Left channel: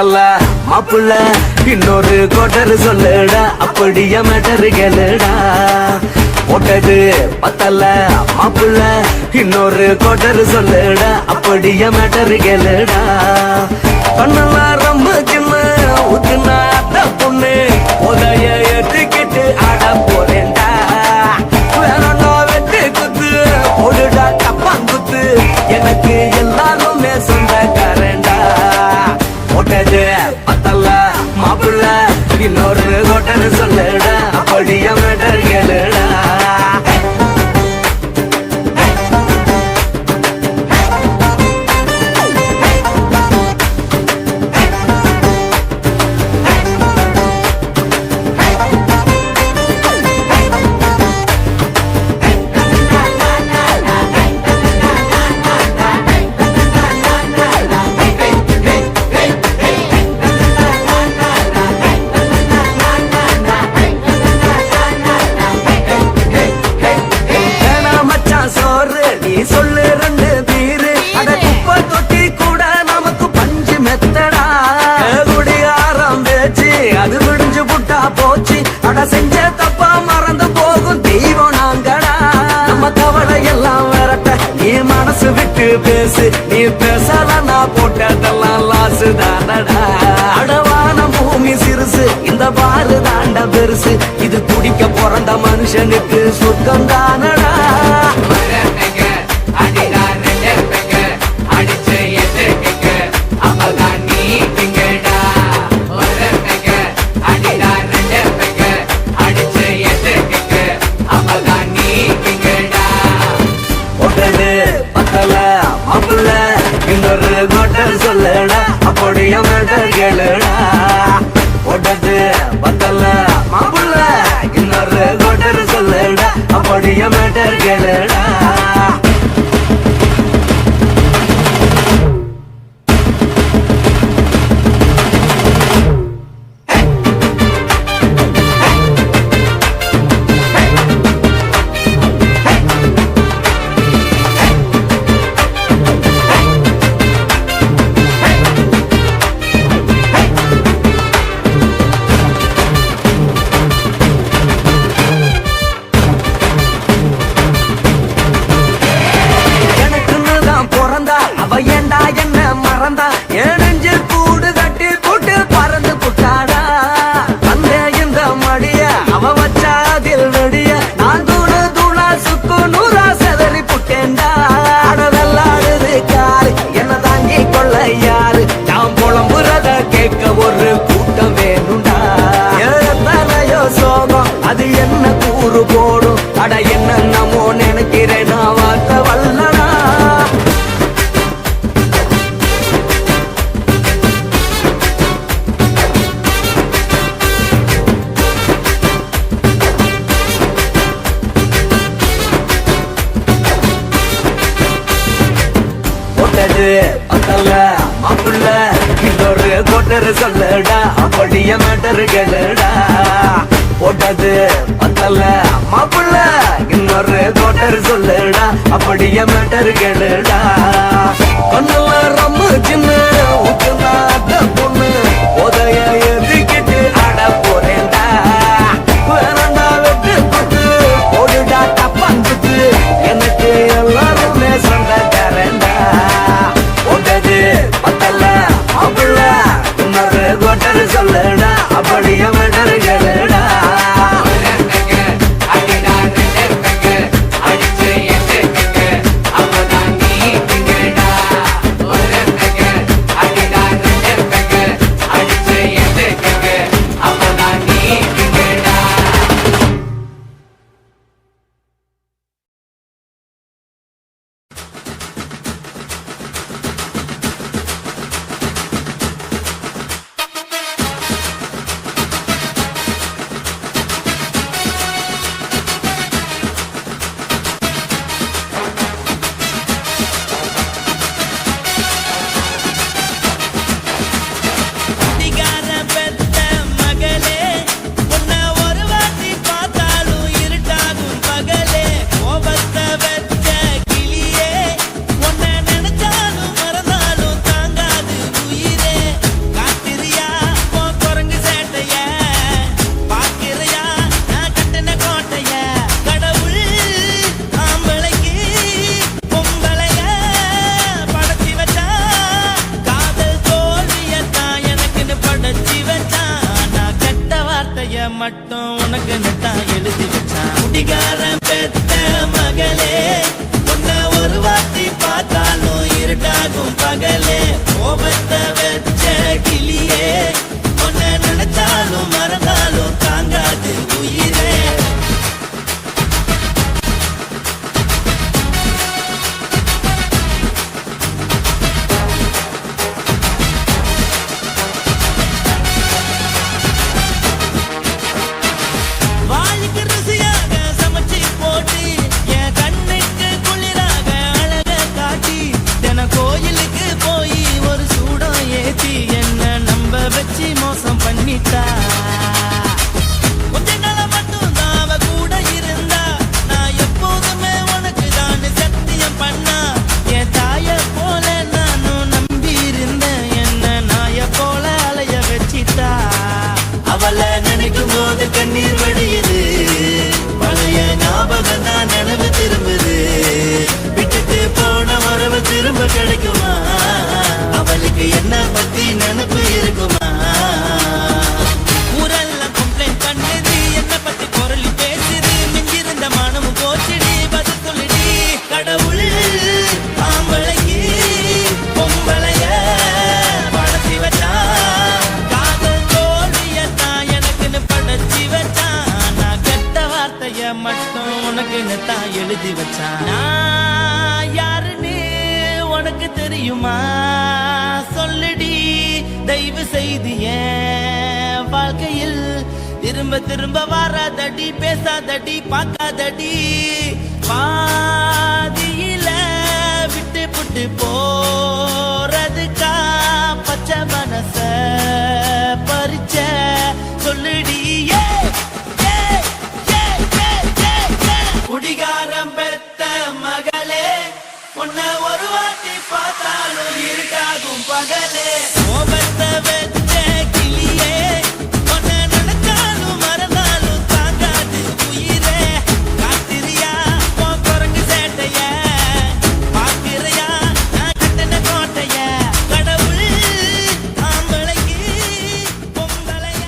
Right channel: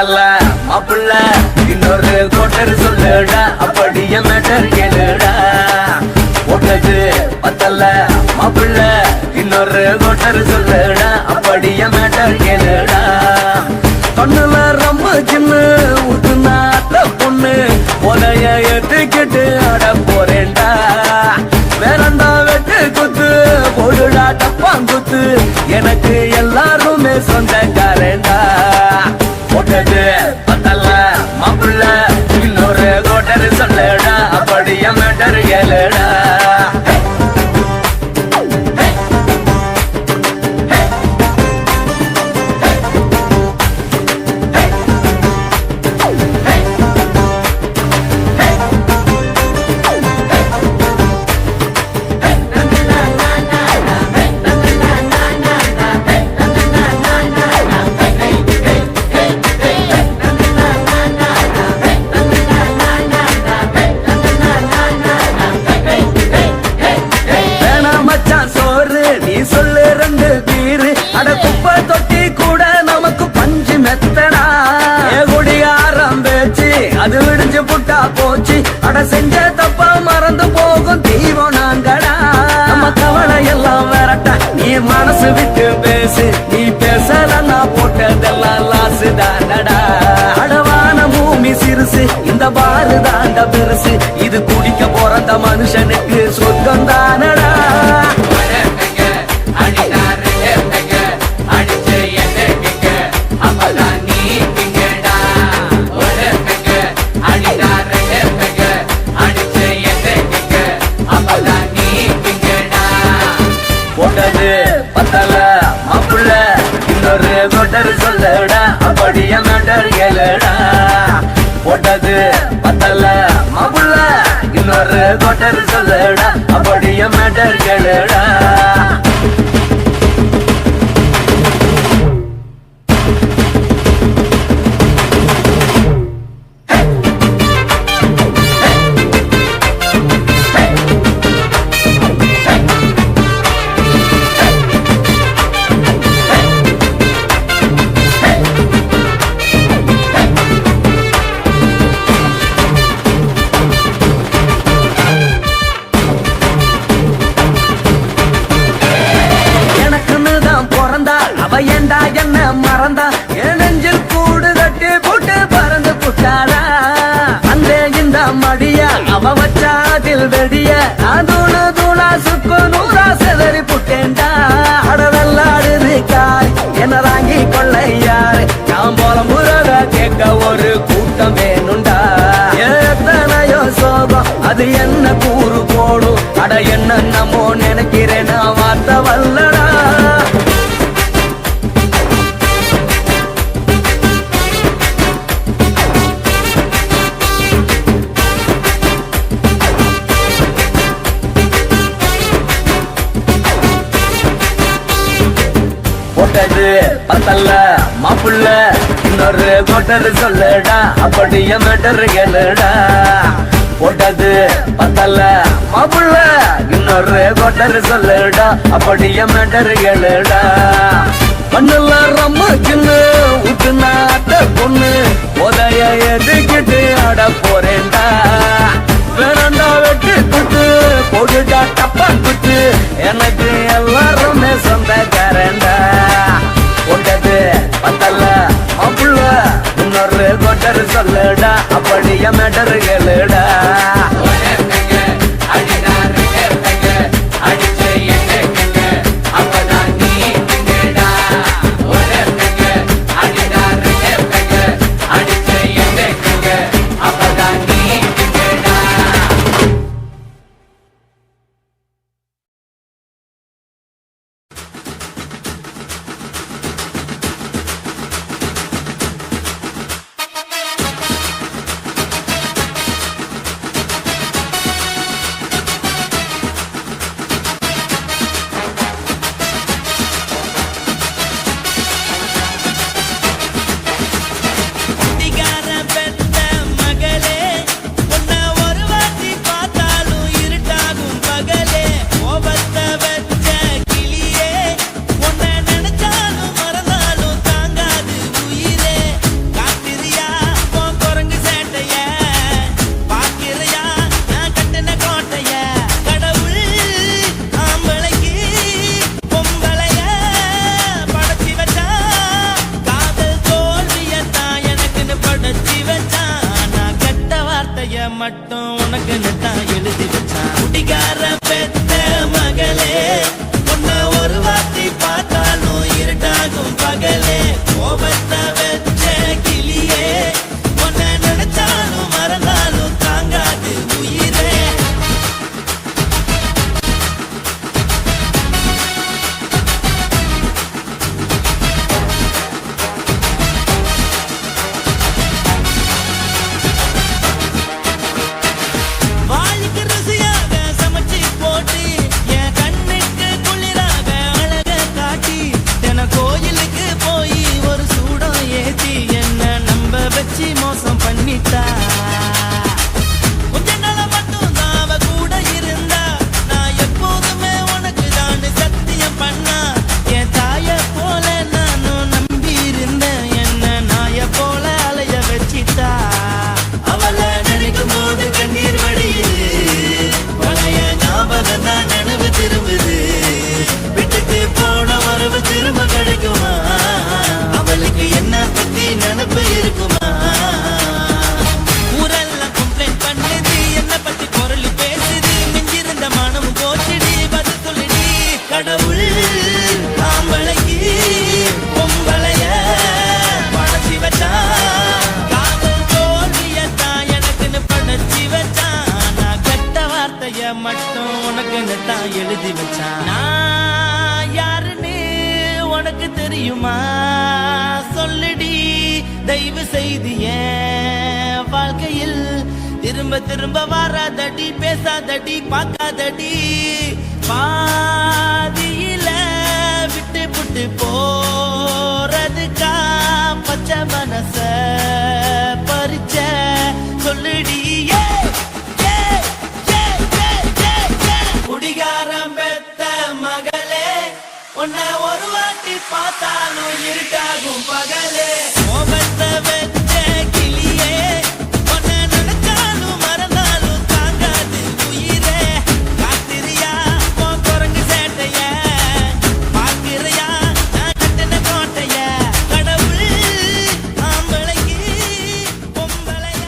பத்தல மாப்பிள்ள இன்னொரு கோட்டர் சொல்லுடா அப்படியே மேட்டர் கேளுடா ஒன்னது பத்தல மாப்பிள்ள இன்னொரு கோட்டர் சொல்லுடா அப்படியே மேட்டர் கேளுடா பண்ணல ரொம்ப சின்ன ஊத்துனா பொண்ணு உரைய ஏத்துக்கிட்டு ஆட போறேன்டா வேறண்டா வெட்டு குத்து போடுடா டப்பாங்குத்து எனக்கு எல்லாருமே சொந்தக்காரன்டா ஒட்டது பத்தல மாப்பிள்ள இன்னொரு கோட்டர் சொல்லுடா அப்படியே மேட்டர் கேளுடா செஞ்ச தப்பா மறந்து போகும் தெய்வம் நாங்கடா நம்ம கவலை எல்லாம் விரட்ட நீ மனசு விட்டு பேசு நீ பேசலன்னா போட்டதெல்லாம் லாசு தானடா அடவான பூமி சிறுசு இந்த பாலு தாண்ட பெருசு இது குடிக்க பிறந்த மனுஷனுக்கு சொர்க்கம் தானடா சொல்லடா அப்படியே மேட்டர் கேளுடா ஒட்டது பத்தல மாப்பிள்ள இன்னொரு கோட்டர் சொல்லடா அப்படியே மேட்டர் கேளுடா ஒரு கூட்டம் வேணுண்டா எத்தனையோ சோகம் அது என்ன கூறு போடும் அட என்னமோ நினைக்கிறேன் நான் வார்த்தை வல்லடா ஒட்டது பத்தல மாப்பிள்ள இன்னொரு கோட்டர் சொல்லடா அப்படியே மேட்டர் கேளுடா ஒட்டது பத்தல மாப்பிள்ள இன்னொரு கோட்டர் சொல்லடா அப்படியே மேட்டர் கேளுடா பண்ணல ரொம்ப சின்ன ஊத்துனா பொண்ணு உதய எதுக்கிட்டு ஆட போறேன்டா வேறண்டா வெட்டு குத்து போடுடா டப்பாங்குத்து எனக்கு எல்லாருமே சொந்தக்காரன்டா ஒட்டது பத்தல மாப்பிள்ள இன்னொரு கோட்டர் சொல்லடா அப்படியே மேட்டர் கேளுடா மட்டும் உனக்கு நெத்தான் எழுதி வச்சான். குடிகார பெத்த மகளே உன்னை ஒரு வார்த்தை பார்த்தாலும் இருட்டாகும் பகலே. கோபத்தை வச்ச கிளியே உன்னை நினைச்சாலும் மறந்தாலும் தாங்காது உயிரே. வாய்க்கு ருசியாக சமைச்சு போட்டு என் கண்ணுக்கு குளிராக அழக காட்டி தின கோயிலுக்கு போய் ஒரு சூடம் ஏத்தி என்ன நம்ப வச்சு மோசம் பண்ணிட்டா. கொஞ்ச நாள மட்டும் தான் அவ கூட இருந்தா நான் எப்போதுமே உனக்கு தான் சத்தியம் பண்ணா. என் தாய போல நானும் நம்பி இருந்தேன் என்ன நாய போல அலைய வச்சிட்டா. அவளை நினைக்கும் போது கண்ணீர் வடியுது பழைய ஞாபகம் தான் நினைவு திரும்புது. விட்டுட்டு போன மரபு திரும்ப கிடைக்குமா அவளுக்கு என்ன பத்தி நினைப்பு இருக்குமா. ஊரெல்லாம் கம்ப்ளைண்ட் பண்ணுது என்ன பத்தி பொருளி பேசுது. மிஞ்சிருந்த மானமும் போச்சுடி பதில் சொல்லுடி. கடவுள் ஆம்பளைக்கு பொம்பளைய படைச்சி வச்சா. காதல் தோல்வியத்தான் எனக்குன்னு படைச்சி வச்சான். நான் கெட்ட வார்த்தைய மட்டும் உனக்குன்னு தான் எழுதி வச்சான். நான் யாருன்னு உனக்கு தெரியுமா சொல்லுடி. தயவு செய்து என் வாழ்க்கையில் திரும்ப திரும்ப வராதடி பேசாதடி பார்க்காதடி. பாதியில விட்டு புட்டு போறதுக்கா பச்சை மனச பறிச்ச சொல்லுடி. குடிகாரம் பெத்த மகளே உன்னை ஒரு வாட்டி பார்த்தாலும் இருட்டாகும் பகலே. கோபத்தை வச்ச கிளியே உன்னை நினைச்சாலும் மறந்தாலும் தாங்காது உயிரே. காத்திரியா உன் குரங்கு சேட்டைய பார்க்கிறையா நான் கட்டின கோட்டைய. கடவுள் ஆம்பளைக்கு பொம்பளைய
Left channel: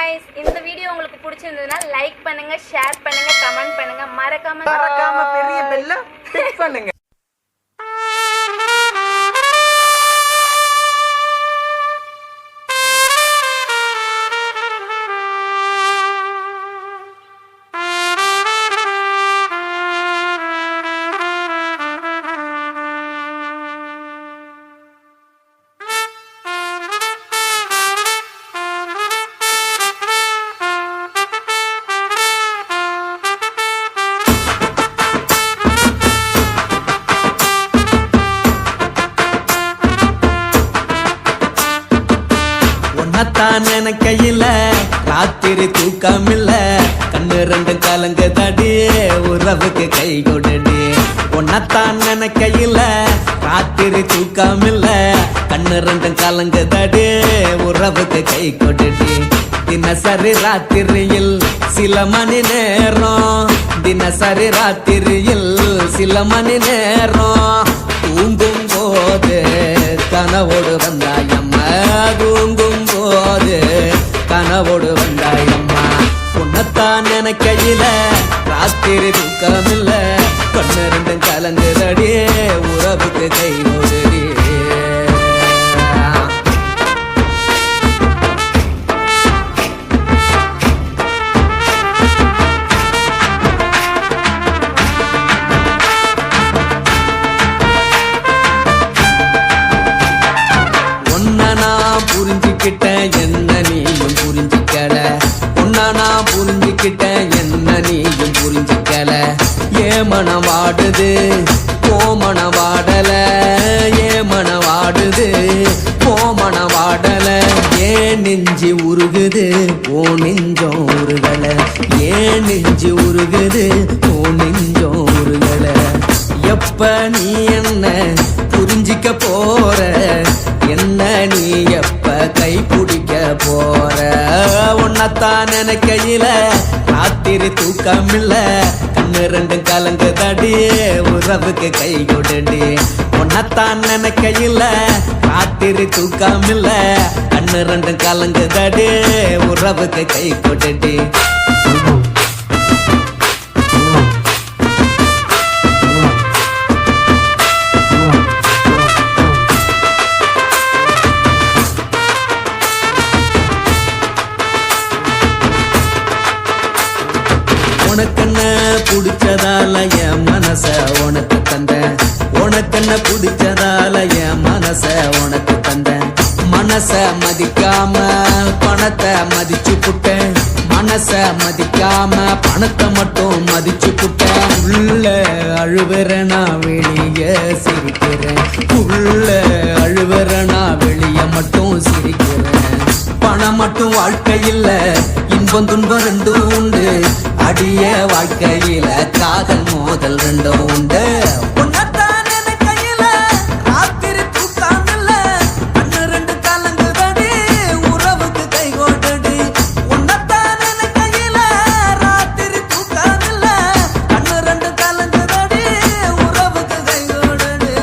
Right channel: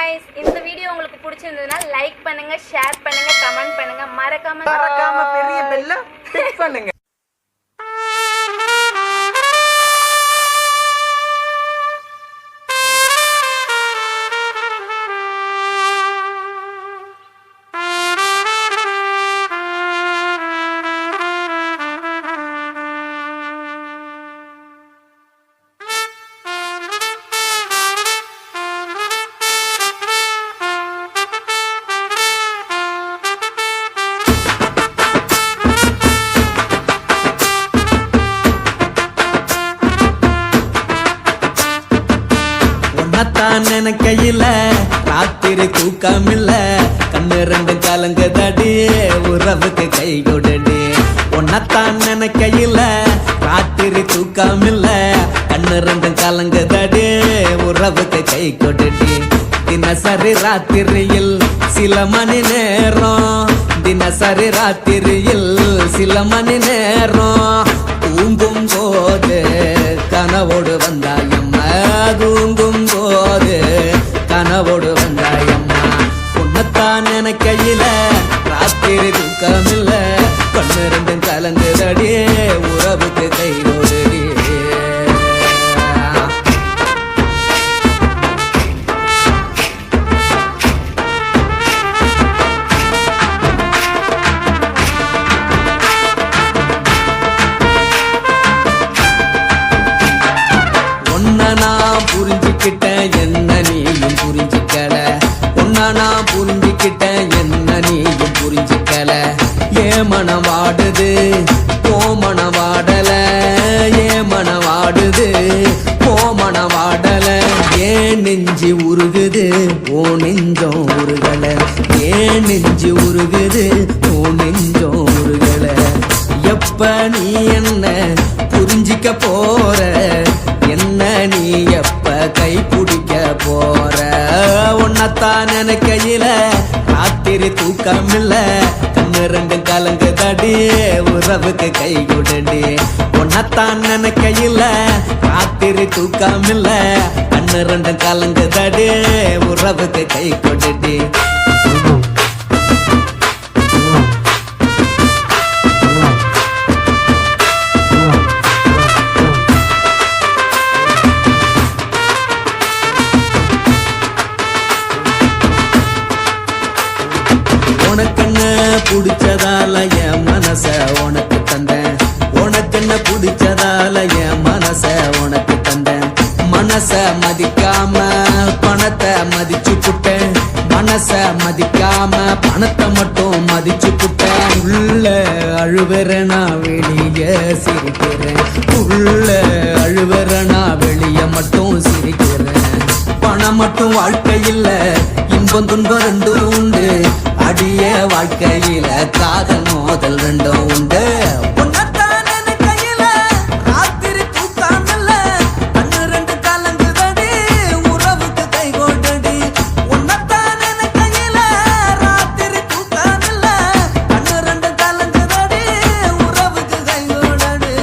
Guys, இந்த வீடியோ உங்களுக்கு பிடிச்சிருந்ததுன்னா லைக் பண்ணுங்க, ஷேர் பண்ணுங்க, கமெண்ட் பண்ணுங்க, மறக்காம பெரிய பெல்ல கிளிக் பண்ணுங்க. உன்னத்தான் நினைக்கையில ராத்திரி தூக்கமில்ல. கண்ணு ரெண்டும் கலங்குதடி உறவுக்கு கை கொடுடி. உன்னத்தான் நினைக்கையில ராத்திரி தூக்கமில்ல. கண்ணு ரெண்டும் கலங்குதடி உறவுக்கு கை கொடுடி. தினசரி ராத்திரியில் சில மணி நேரம். தினசரி ராத்திரியில் சில மணி நேரம். தூங்கும் போது கனவோடு வந்தாயம்மா. தூங்கும் போது கனவோடு வந்தாயம்மா. உன்னத்தான் நினைக்கையில ராத்திரி தூக்கமில்ல. கண்ணு ரெண்டும் கலங்குதடி உறவுக்கு கை கொடுடி. நான் புரிஞ்சுக்கிட்டேன் என்ன நீயும் புரிஞ்சுக்கல. உன்ன நான் புரிஞ்சுக்கிட்டேன் என்ன நீயும் புரிஞ்சுக்கல. ஏன் மனம் வாடுது போ மனம் வாடல. ஏன் மனம் வாடுது போ மனம் வாடல. ஏன் நெஞ்சு உருகுது ஓ நெஞ்சம் உருகல. ஏன் நெஞ்சு உருகுது ஓ நெஞ்சம் உருகல. எப்ப நீ என்ன புரிஞ்சிக்க போற. என்ன நீ எப்ப கை பிடிக்க போற. உன்னத்தான் நினைக்கையில ராத்திரி தூக்கமில்ல. கண்ணு ரெண்டும் கலங்குதடி உறவுக்கு கை கொடுடி. உன்னத்தான் நினைக்கையில ராத்திரி தூக்கமில்ல. கண்ணு ரெண்டும் கலங்குதடி உறவுக்கு கை கொட்டுடி உனக்கென்ன பிடிச்சதால என் மனச உனக்கு தந்தேன் உனக்கென்ன பிடிச்சதால என் மனச உனக்கு தந்தேன் மனச மதிக்காம பணத்தை மதிச்சு புட்டேன் மனச மதிக்காம பணத்தை மட்டும் மதிச்சு புட்டேன் உள்ள அழுவுற நான் வெளிய சிரிக்கிறேன் உள்ள அழுவுற நான் வெளிய மட்டும் சிரிக்கிறேன் பணம் மட்டும் வாழ்க்கையில் இன்பம் துன்பம் ரெண்டும் உண்டு அடிய வாழ்க்கையில காதல் மோதல் ரெண்டும் உண்டு உன்னத்தான் என் கையில ராத்திரி தூக்காமல்ல கண்ணு ரெண்டு கலங்குதடி உறவுக்கு கை கோட்டடி உன்னத்தான் என் கையில ராத்திரி தூக்காமல்ல கண்ணு ரெண்டு கலங்குதடி உறவுக்கு கை கோட்டடி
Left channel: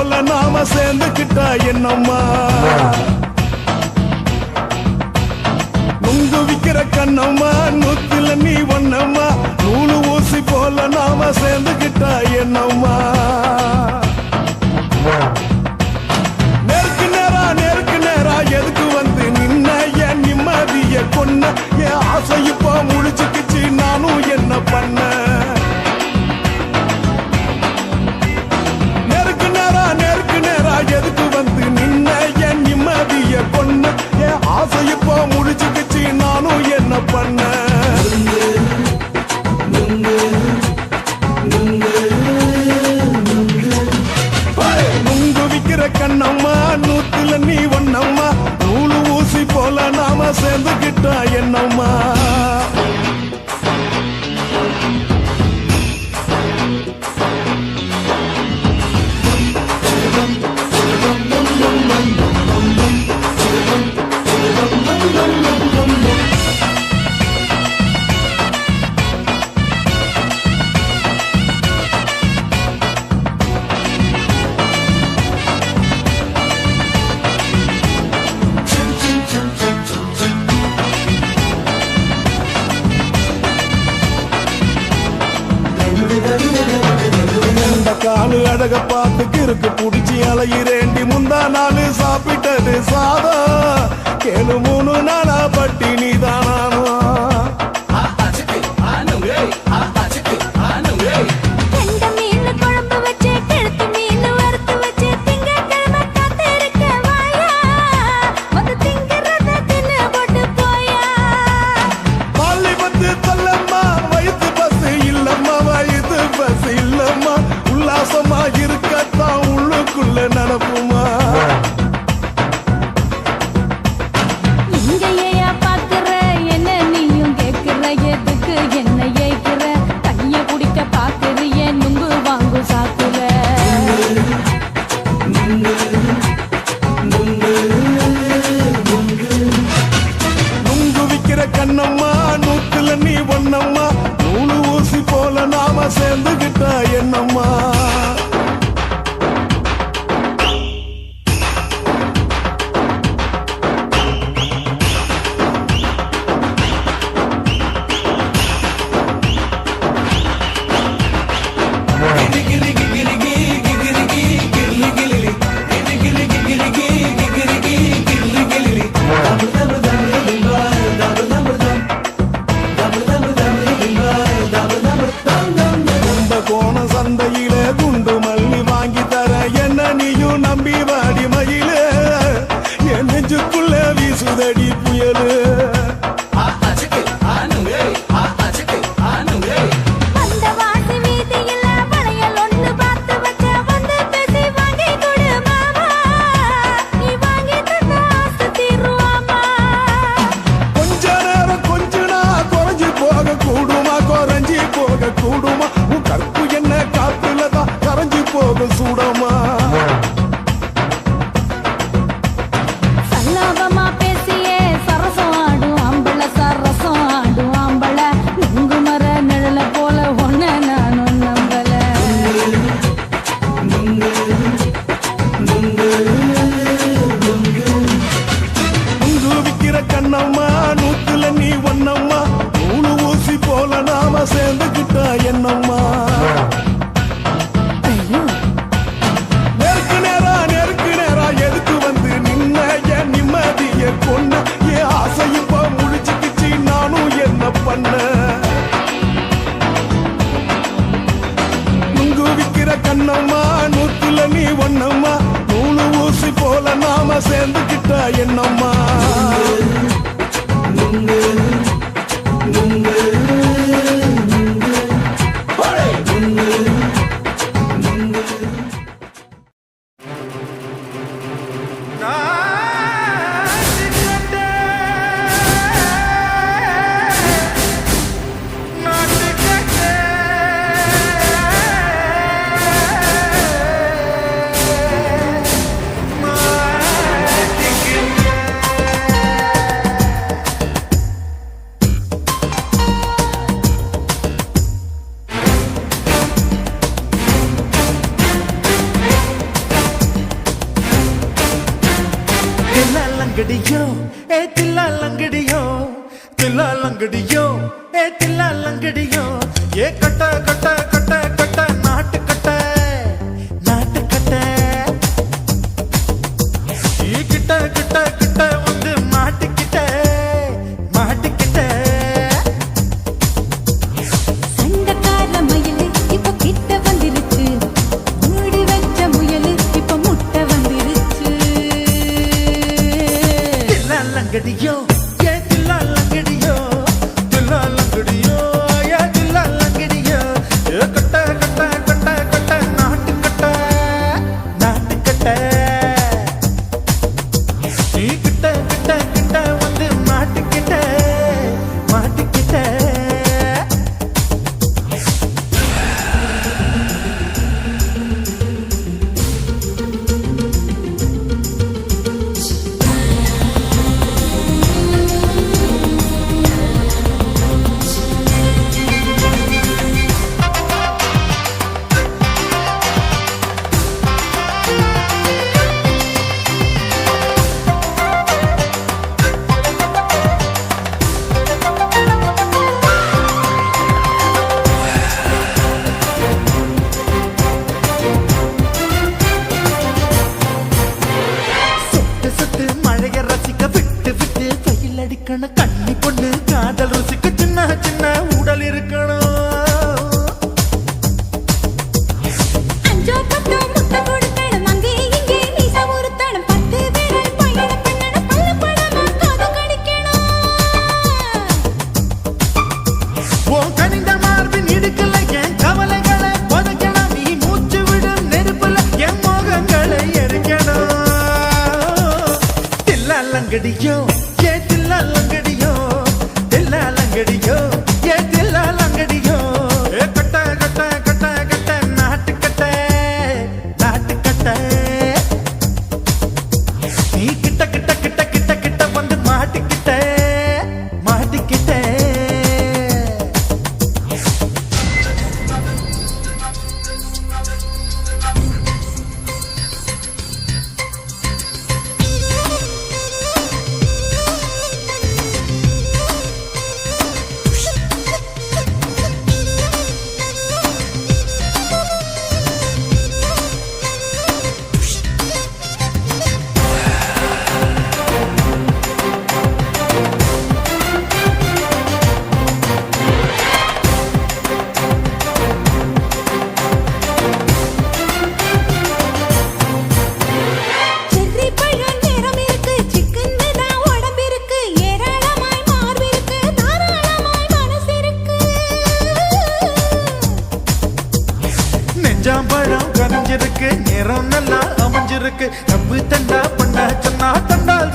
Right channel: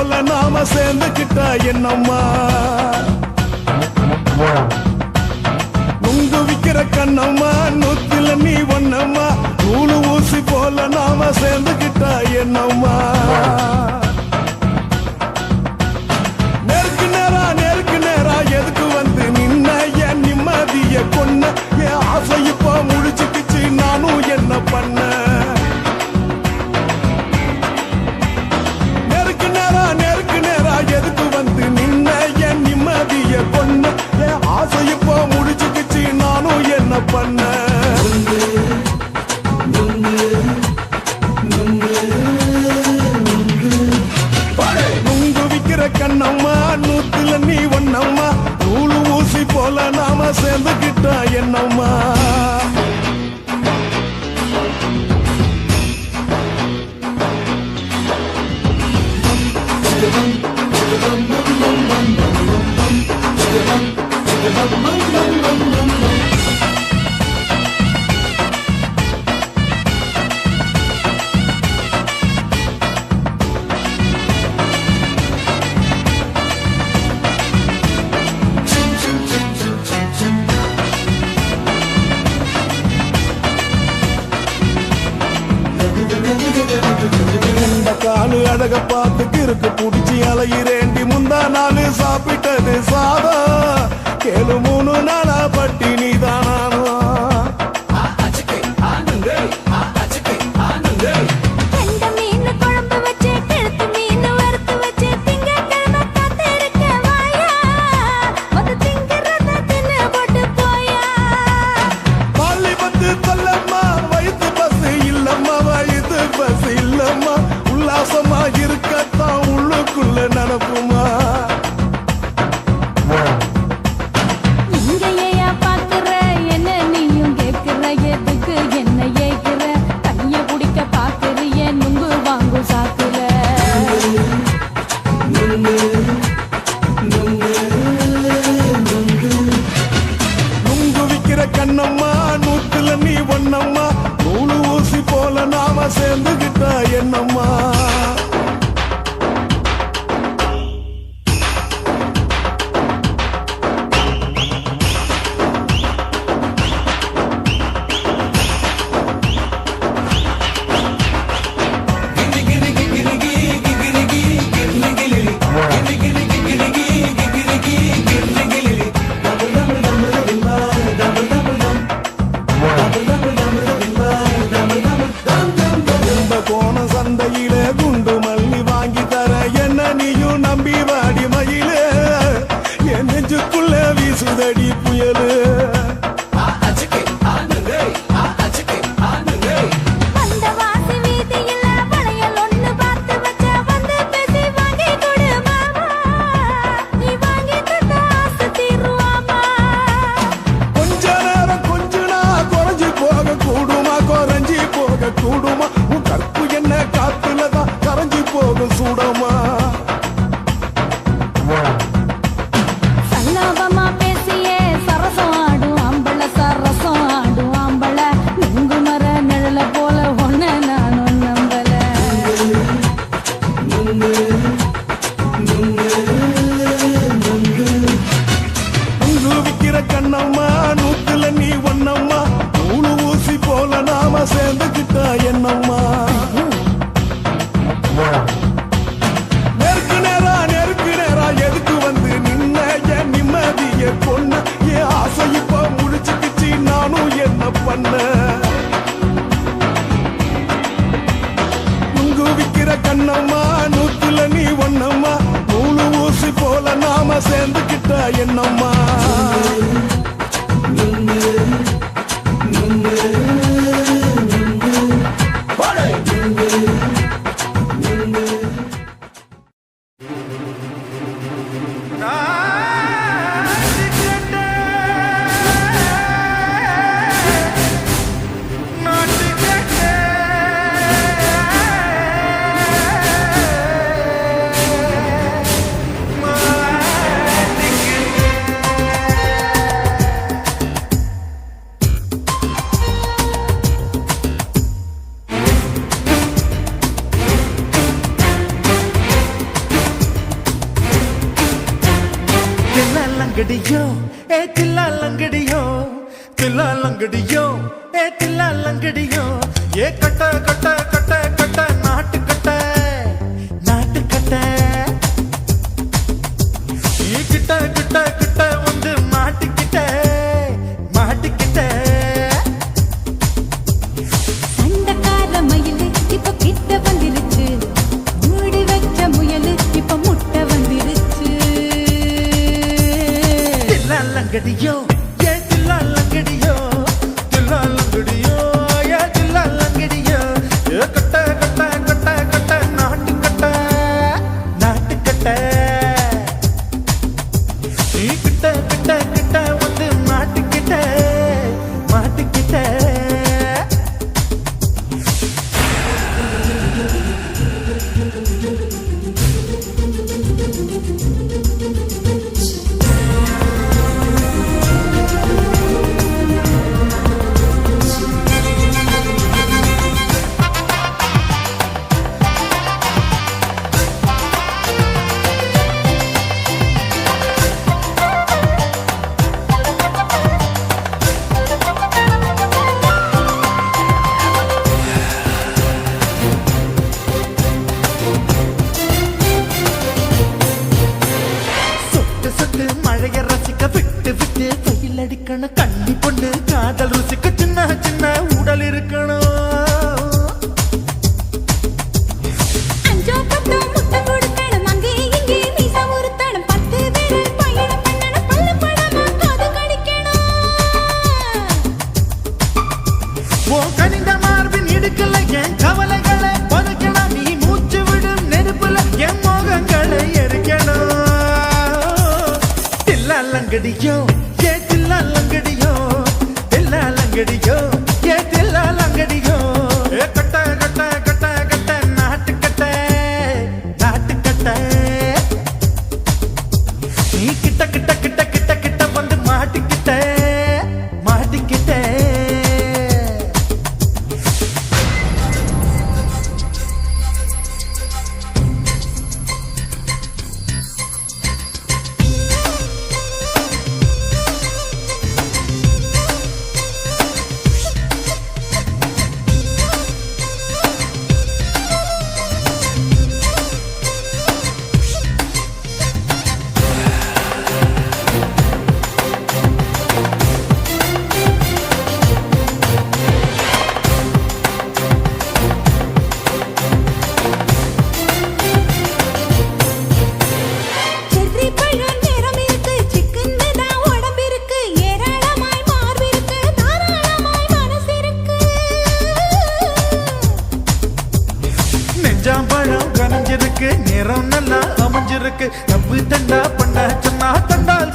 போல நாம சேர்ந்துக்கிட்டா என்னம்மா நுங்கு விக்கிற கண்ணம்மா நூத்தில நீ ஒன்னம்மா நூலு ஊசி போல நாம சேர்ந்துக்கிட்டா என்னம்மா நேருக்கு நேரா எதுக்கு வந்து நின்ன என் நிம்மதிய கொன்ன என் ஆசை இப்ப முழிச்சுக்கிச்சு நானும் என்ன பண்ண நேருக்கு நேரா எதுக்கு வந்து நின்ன என் நிம்மதிய கொன்ன என் ஆசை இப்ப முழிச்சுக்கிச்சு நானும் என்ன பண்ண நுங்கு விக்கிற கண்ணம்மா நூத்துல நீ ஒன்னம்மா நூலு ஊசி போல நாம சேர்ந்துக்கிட்டா என்னம்மா காலு அழக பார்த்து கிறுக்கு புடிச்சி அலையிறேண்டி முந்தா நாலு சாப்பிட்டது சாதம் கேளு 3 நாளா பட்டினி தானானோ உல்லாசமா இருக்கத்தான் உள்ளுக்குள்ள நடப்புமா இங்கேயா பாக்குற என்ன நீயும் கேக்குற எதுக்கு என்ன ஏய்க்கிற கைய குடிக்க பாக்குறிய நுங்கு வாங்கு சாக்குற நுங்கு விக்கிற கண்ணம்மா நூத்துல நீ ஒன்னம்மா நூலு ஊசி போல நாம சேர்ந்துகிட்டா என்னம்மா சந்தையிலே குண்டு மல்லி வாங்கி தர என்ன நீயும் நம்பி வாடி மயிலே என் நெஞ்சுக்குள்ள வீசுதடி புயலு கொஞ்ச நேரம் கொஞ்ச நாள் குறைஞ்சி போக கூடுமா குறைஞ்சி போக கூடுமா உன் கற்பு என்ன காத்துலதான் கரைஞ்சி போக சூடமா சல்லாபமா பேசியே சரசம் ஆடும் ஆம்பள சரசம் ஆடும் ஆம்பள நுங்கு மர நிழல போல ஒன்ன நானும் நம்பல நுங்கு விக்கிற கண்ணம்மா நூத்துல நீ ஒன்னம்மா நூலு ஊசி போல நாம சேர்ந்துக்கிட்டா என்னம்மா நேருக்கு நேரா எதுக்கு வந்து நின்ன என் நிம்மதிய கொன்ன என் ஆசை இப்ப முழிச்சுக்கிச்சு நானும் என்ன பண்ண நுங்கு விக்கிற கண்ணம்மா நூத்துல நீ ஒன்னம்மா நூலு ஊசி போல நாம சேர்ந்துக்கிட்டா என்னம்மா லங்கடியோ ஏ தில்லா லங்கடியோ தில்லா லங்கடியோ ஏ தில்லா லங்கடியோ ஏ கட்ட கட்ட கட்ட கட்ட நாட்டு கட்ட நாட்டு கட்ட நீ கிட்ட கிட்ட கிட்ட வந்து மாட்டிக்கிட்ட மாட்டிக்கிட்ட சண்டக்கார மயிலு இப்ப கிட்ட வந்துருச்சு மூடி வச்ச முயலு இப்ப முட்டை வந்துருச்சு தில்லா லங்கடியோ ஏ தில்லா லங்கடியோ தில்லா லங்கடியோ ஏ தில்லா லங்கடியோ ஏ கட்ட கட்ட கட்ட கட்ட நாட்டு கட்ட நாட்டு கட்ட நீ கிட்ட கிட்ட கிட்ட வந்து மாட்டிக்கிட்ட மாட்டிக்கிட்ட சொட்டு சொட்டு மழைய ரசிக்க விட்டு விட்டு வெயில் அடிக்கணும் கண்ணி பொண்ணு காதல் ருசிக்க சின்ன சின்ன உடல் இருக்கணும் அஞ்சோ பத்தோ முட்டை கொடுக்கணும் அங்கே இங்கே மீச உறுத்தணும் 10 விரல் பயணம் பண்ணணும் பல்ல படமா காது கடிக்கணும் ஓ கனிந்த மார்பின் இடுக்கல என் கவலைகளை புதைக்கணும் நீ மூச்சு விடும் நெருப்புல என் மோகங்களை எரிக்கணும் தில்லா லங்கடியோ ஏ தில்லா லங்கடியோ தில்லா லங்கடியோ ஏ தில்லா லங்கடியோ ஏ கட்ட கட்ட கட்ட கட்ட நாட்டு கட்ட நாட்டு கட்ட நீ கிட்ட கிட்ட கிட்ட கிட்ட கிட்ட வந்து மாட்டிக்கிட்ட மாட்டிக்கிட்ட செர்ரி பழம் நேரம் இருக்கு சிக்கன்னு தான் உடம்பு இருக்கு ஏராளமாய் மார்பு இருக்கு தாராளமாய் மனசு இருக்கு நெஞ்சாம்பழம் கரைஞ்சிருக்கு நேரம் நல்லா அமைஞ்சிருக்கு தப்பு தண்டா பண்ண சொன்னா தண்டால்